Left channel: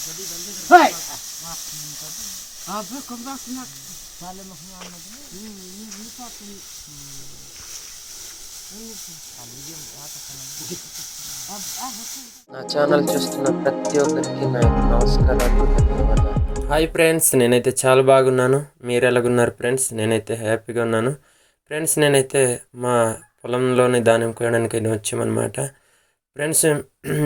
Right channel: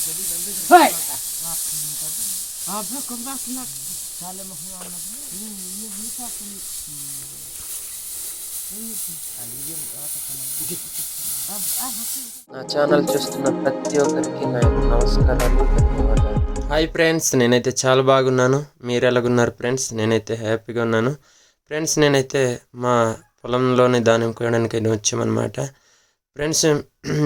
నా ఛానల్ చూస్తున్న ప్రతి ఒక్కరికి నా యొక్క నమస్కారాలు, ధన్యవాదాలు. హాయ్ ఫ్రెండ్స్, నేనైతే చాలా బాగున్నాను. మీరు ఎలాగున్నారు ఫ్రెండ్స్? నేనైతే హ్యాపీగా ఉన్నాను ఫ్రెండ్స్. నేనైతే మా పొలంలోని ధాన్యం కోయడానికి వచ్చామన్నమాట ఫ్రెండ్స్.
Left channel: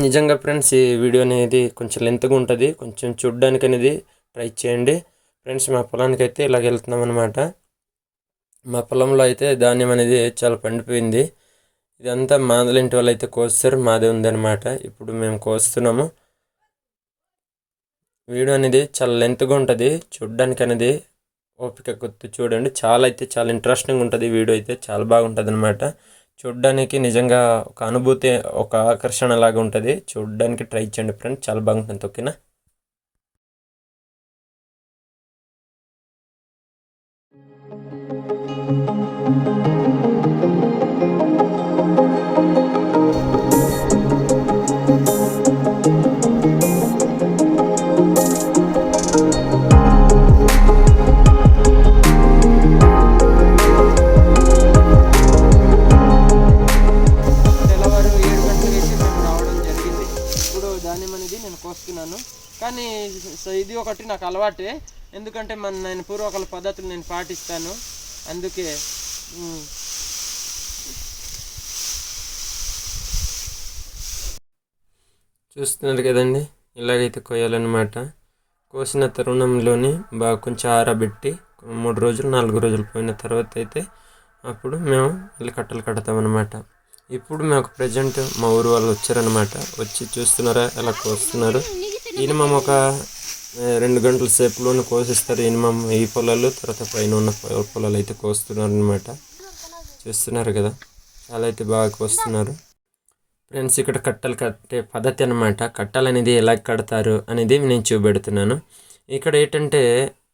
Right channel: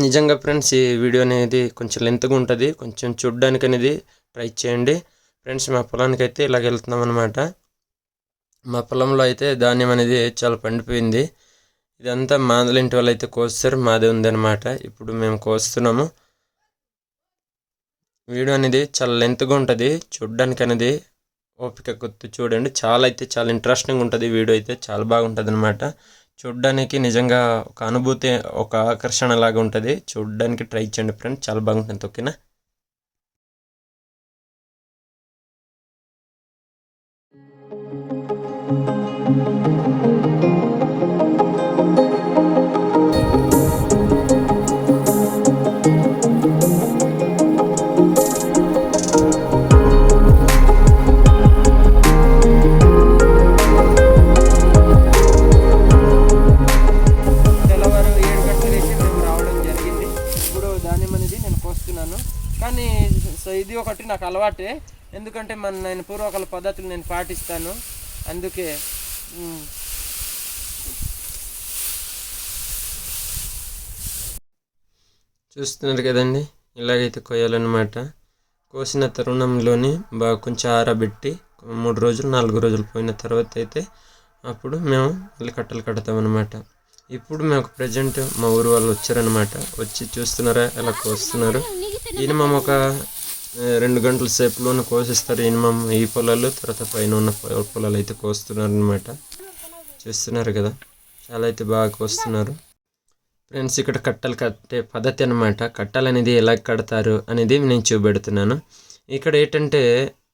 నిజంగా ఫ్రెండ్స్, ఈ వీడియో అనేది కొంచెం లెంత్గా ఉంటుంది, కొంచెం చూడడానికి అనేది ట్రై చేయండి ఫ్రెండ్స్. మా పొలానికి అయితే ఇలాగ వెళ్తున్నాం అనమాట. మా పొలంలో అయితే ధాన్యం అనేది చాలా పండిపోయింది. ఇదంతా మాదలింటి వాళ్ళు అయితే కోస్తారు, మాదే ఉందన్నమాట. ఇప్పుడు మేము కోస్తున్నాము. వీడియో అనేది చాలా లెంత్గా ఉంటుంది, చూడడానికి అనేది ఓపిక కొద్ది చూడండి. చాలా ఇంట్రెస్టింగ్ ఉంటుంది. వీడియో అయితే చాలా బాగుంటుంది అనమాట. చూడడానికి నిజంగా ఒక అనుభూతి, ఒక ఆకర్షణ లాగా ఉంటుంది. చూడడానికి ట్రై చేయండి ఫ్రెండ్స్, చాలా బాగుంటుంది. ఓకేనా? ధాన్యం అనేది నేను కోస్తున్నాను. కానీ ఇది ఒకటి నాకు అలవాటే, ఎందుకంటే నేను పూర్వకాల పద్ధతులు నేను పాటిస్తాను. అందుకే చూస్తున్నారు కదండి, ఇలాగైతే కోయాలన్నమాట. కోసిన తరుణంలోని బాగా కొంచెం ఆరబెట్టి 3 రోజులు 4 రోజులు పోయిన తర్వాత అయితే అప్పుడు మేము మళ్ళీ కట్టలు కడతామన్నమాట. ఇప్పుడు మేము ప్రజెంట్ మా ఊరు వాళ్ళు వచ్చారనమాట. వచ్చి చూస్తున్నారా ఎలా కోస్తున్నారు. మినిమం ఒక 2 గంటల సేపులోనే కోసిస్తారు. మినిమం ఈ పొలాలు, తర్వాత పైన ఉన్న పొలాలు అయితే కోస్తున్నారు అనమాట. చూస్తున్నారు కదా, చాలా అయితే బాగా కోస్తున్నారు ఫ్రెండ్స్. ఇక్కడ కట్టలు కట్టే పద్ధతి అనమాట. కట్టలు అనేది ఎలా కడతారు అనేది నేను చూపెడుతున్నాను. ఇక్కడ ఏంటంటే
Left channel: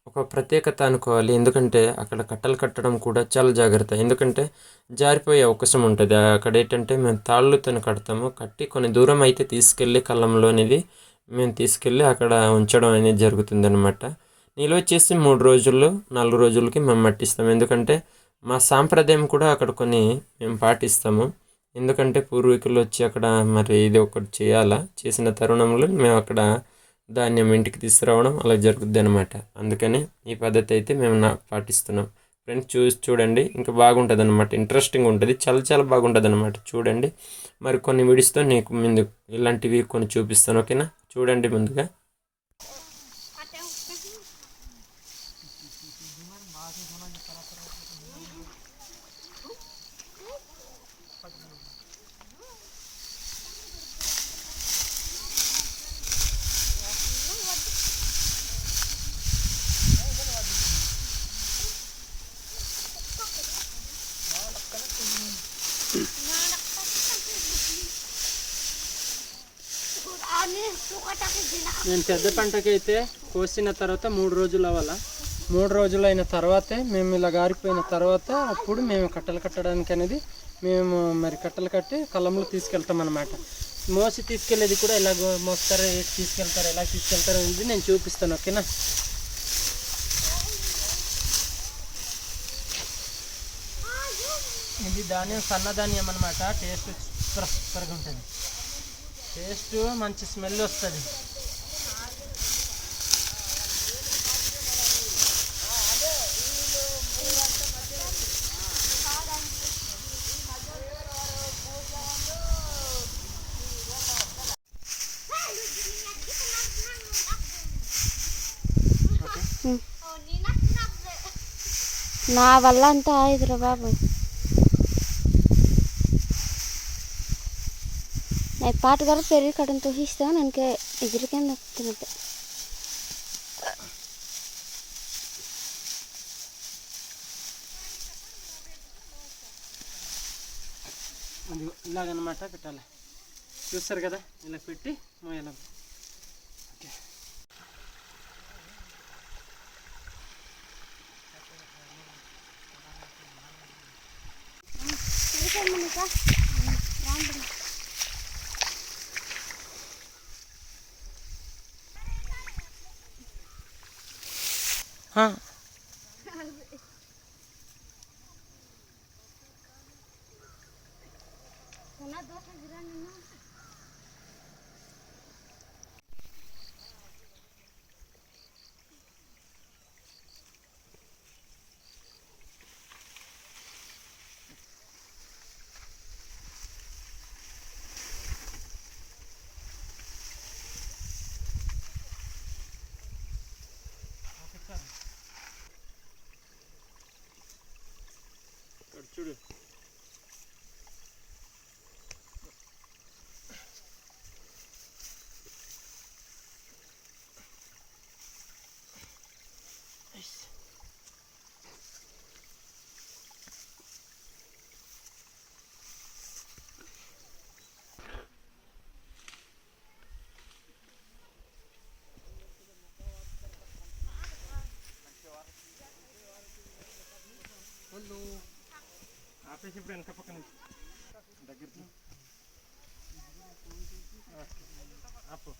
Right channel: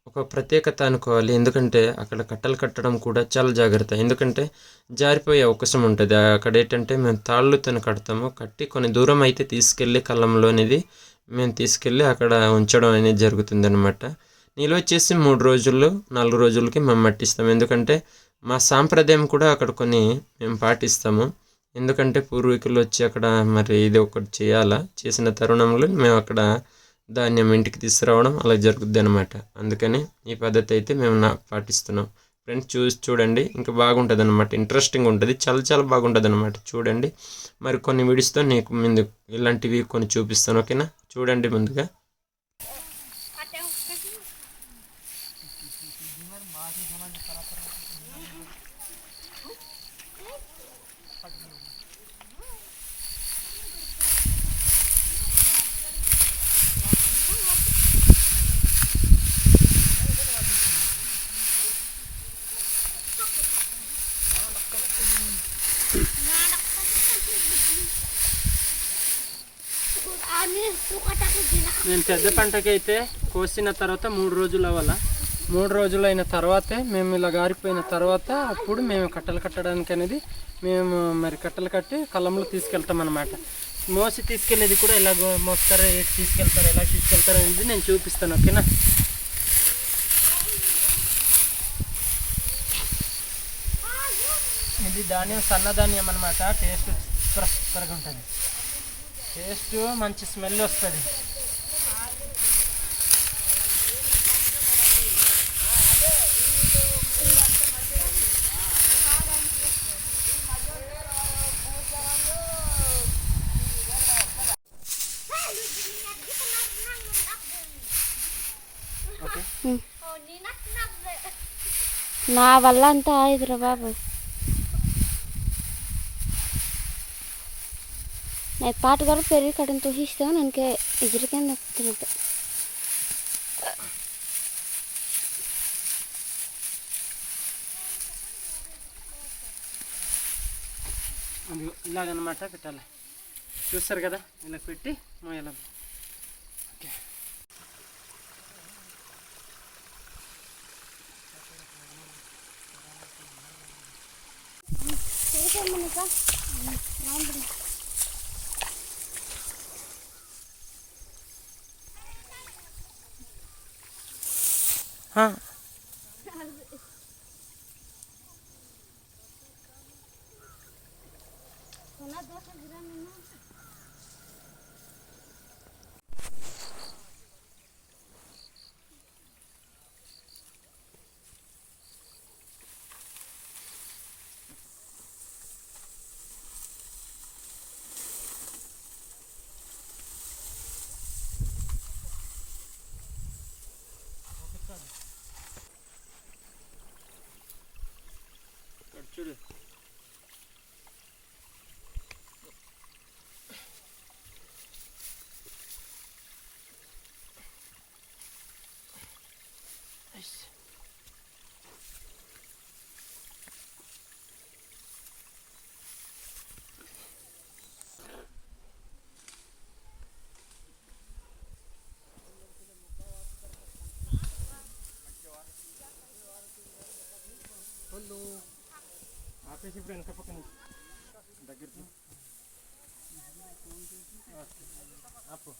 ఒక ప్రత్యేకత అనుకోవాలి, ఎందుకంటే అక్కడ కట్టలు కట్టడం కూడా చాలా జాగ్రత్త. ఎందుకంటే జారిపోయే అవకాశం ఉంటుంది. అక్కడ ఏంటంటే మేము తాళ్ళుతో కడతాము. కట్టి కొన్ని దూరం అయితే తీసుకెళ్ళి కళ్ళంలో అనేది మేము తీసుకెళ్ళి అక్కడ ఉంచడం అనేది జరుగుతుంది అనమాట. నిల్వ చేసి 3 రోజులు 4 రోజులకి మేము మట్టిస్తాము. ఎందుకంటే మా సాంప్రదాయం కూడా అక్కడ కొన్ని మేము పాటిస్తాము. ఎందుకంటే పూర్వీకులు వచ్చి అక్కడ మరి ఇది ఒకటి చేయాలా, చేసిన తరుణంలో మేము అక్కడ ధాన్యం ఇంటికి తీసుకురావడం అలా జరుగుద్ది అనమాట. అందుకని ఈ పద్ధతి అయితే మేము పాటిస్తున్నాం ఫ్రెండ్స్. చూడండి, ఇంకా బాగుంటుంది అనమాట. ఇంట్రెస్టింగ్ ఉంటుంది, చాలా బాగుంటుంది అనమాట. చూడండి, మరి కొన్ని వీడియోస్తో నీకు ముందు ఇలాంటివి కొన్ని చూపిస్తాను. ఓకేనా? చూడండి ముందుగా. నేను పెద్ద పంటకి అయితే కోసిన తర్వాత 3 రోజులు అవ్వాలా. 3 రోజులు అయిన తర్వాతే మేము ఇలా గారిపోయిన తర్వాత అప్పుడు మేము కట్టలు కట్టడానికి అనేది మేము మరి కట్టలు కట్టి కళ్ళంలో తీసుకెళ్తాం అన్నమాట. మోసి తీసుకెళ్ళేది కూడా ఎలా మోస్తారు, ఎలా తీసుకెళ్తారు అనేది నేను చూపిస్తాను. ఓకేనా? ఇది ధాన్యం, సన్నధాన్యం అన్నమాట. టేస్ట్ సూపర్గా ఉంటుంది. టేస్ట్ మంచి స్మెల్ వస్తుంది. నా వల్ల అంతా ఆయుధరా బాబు. నేను పాటగారు పెరిగి కట్టను తోసిస్తాను. ನನಗೆ ಎದುರಿಕೆಂದು ಹೋಗ್ತಿರುತ್ತೆ. అది ఇలాగనమాట పెట్టాలి. చూస్తారు కదా, ఇలా పెట్టి మోయాలి. ఓకే. हाँ చూడు ఆపేసి ఇప్పుడు వెనక పక్కన దగ్గరికి ఆపు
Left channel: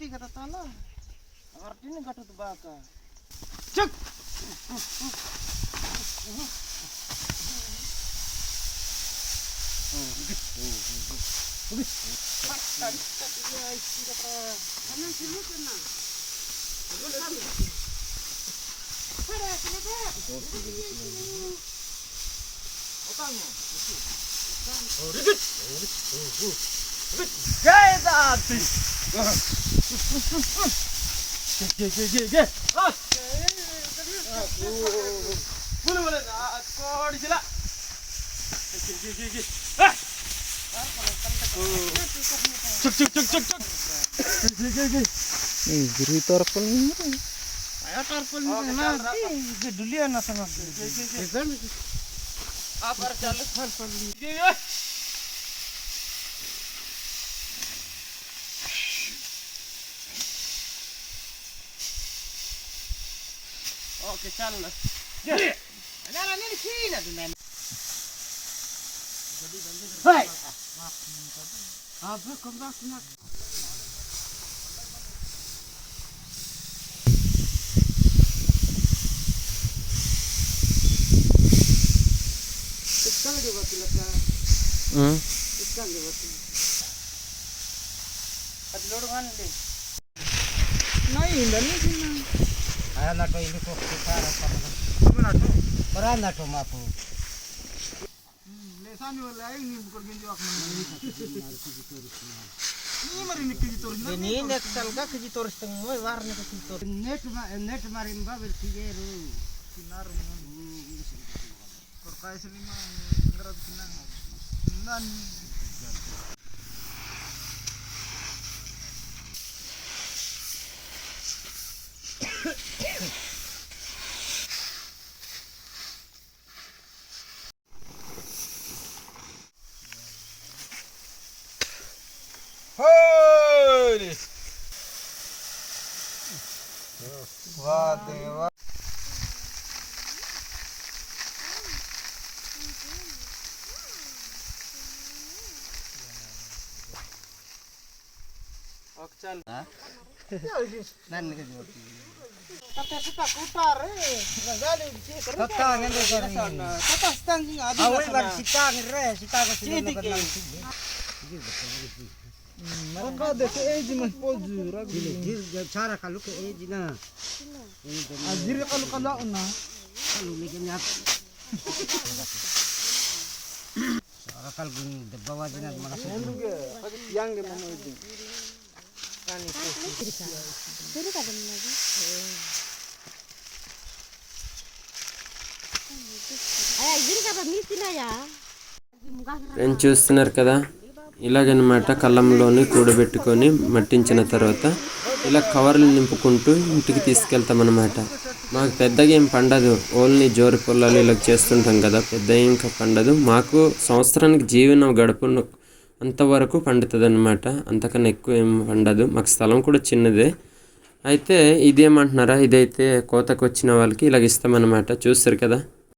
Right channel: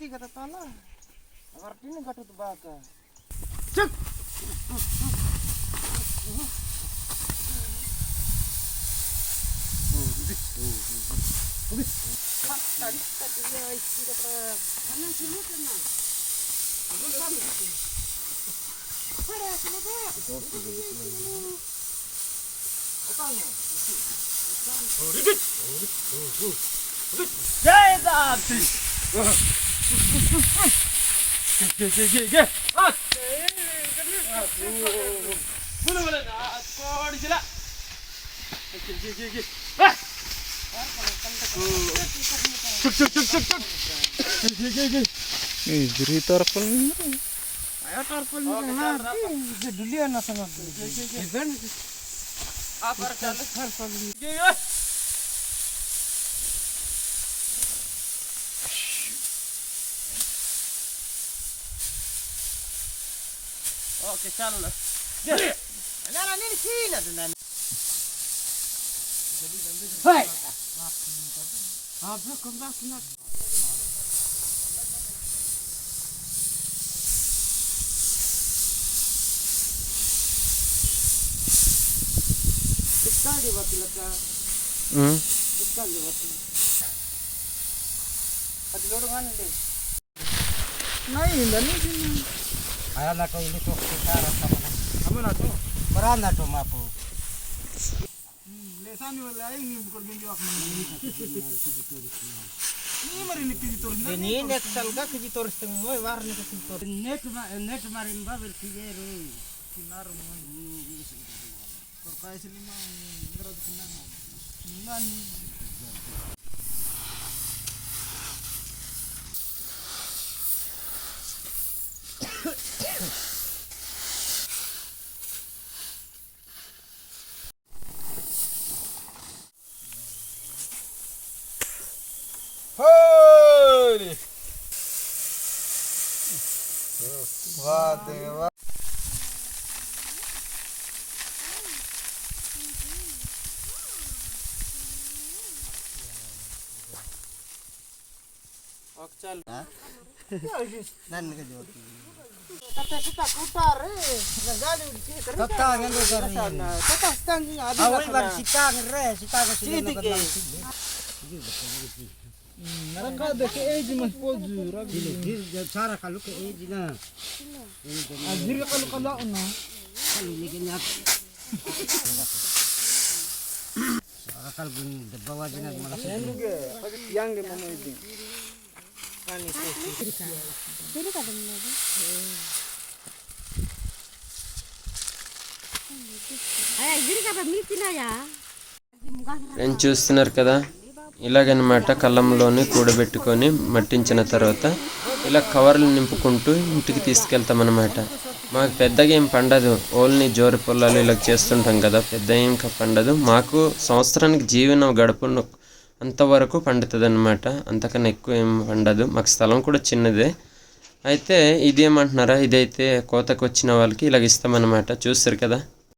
tiga tatala artinya gak tutup baka Jai Dati. Jadi tarpel dulu ya nasa apa Oke, चल ini sini tuh Hai. Abu kembasnya. Sekali dia buat laka. Sekali dia buat. Ada lorong deh. Nah, ini sini. Ayah nak ini kok kita rasa mana? Peran nak mapu. Lesani wala ini bukan gini aku ini mari nih kejitoris. Ini net salga kejitoris tengah warna kejitoris. Net marin babel kijeru sinar man. Korkai selima ngerad senang. Nan. Holy! Wah, dewa. Oke, chal. Nan ke jawab. Kata kita putar ngali kata ngene kare kata stand ada awal bar sita ngere sita ko sila nagdang sidi mereka deke age mas poju rabi cara kalau ke age na ajir kalau na kalau legenya cara kalau bunyi bawa jinak malas yang de mana itu kan itu diri kadang lagi friends చూస్తున్నారు కదా, ఇలాగనమాట కళ్ళంలోని కూడబెట్టుకొని మట్టించిన తర్వాత ఇలా కవర్లు నింపుకుంటూ ఇంటికి తీసుకెళ్తామన్నమాట. మాకు పెద్దగా ఏం పండదు, ఓన్లీ జోరి పొలాలు ఇలా చేస్తుంటాం కదా, పెద్ద ఇంకా పండదు. మాకు సంవత్సరానికి జీవనం అంతవరకు పండుతుంది అనమాట. అంతకన్నా ఎక్కువ ఏం పండదు. మాకు స్థలం కూడా చిన్నదే. అయితే ఇదేమంటున్నారా, ఇదైతే కోతకు వచ్చిన వాళ్ళకి ఇలాగ ఇస్తామన్నమాట. చూస్తారు కదా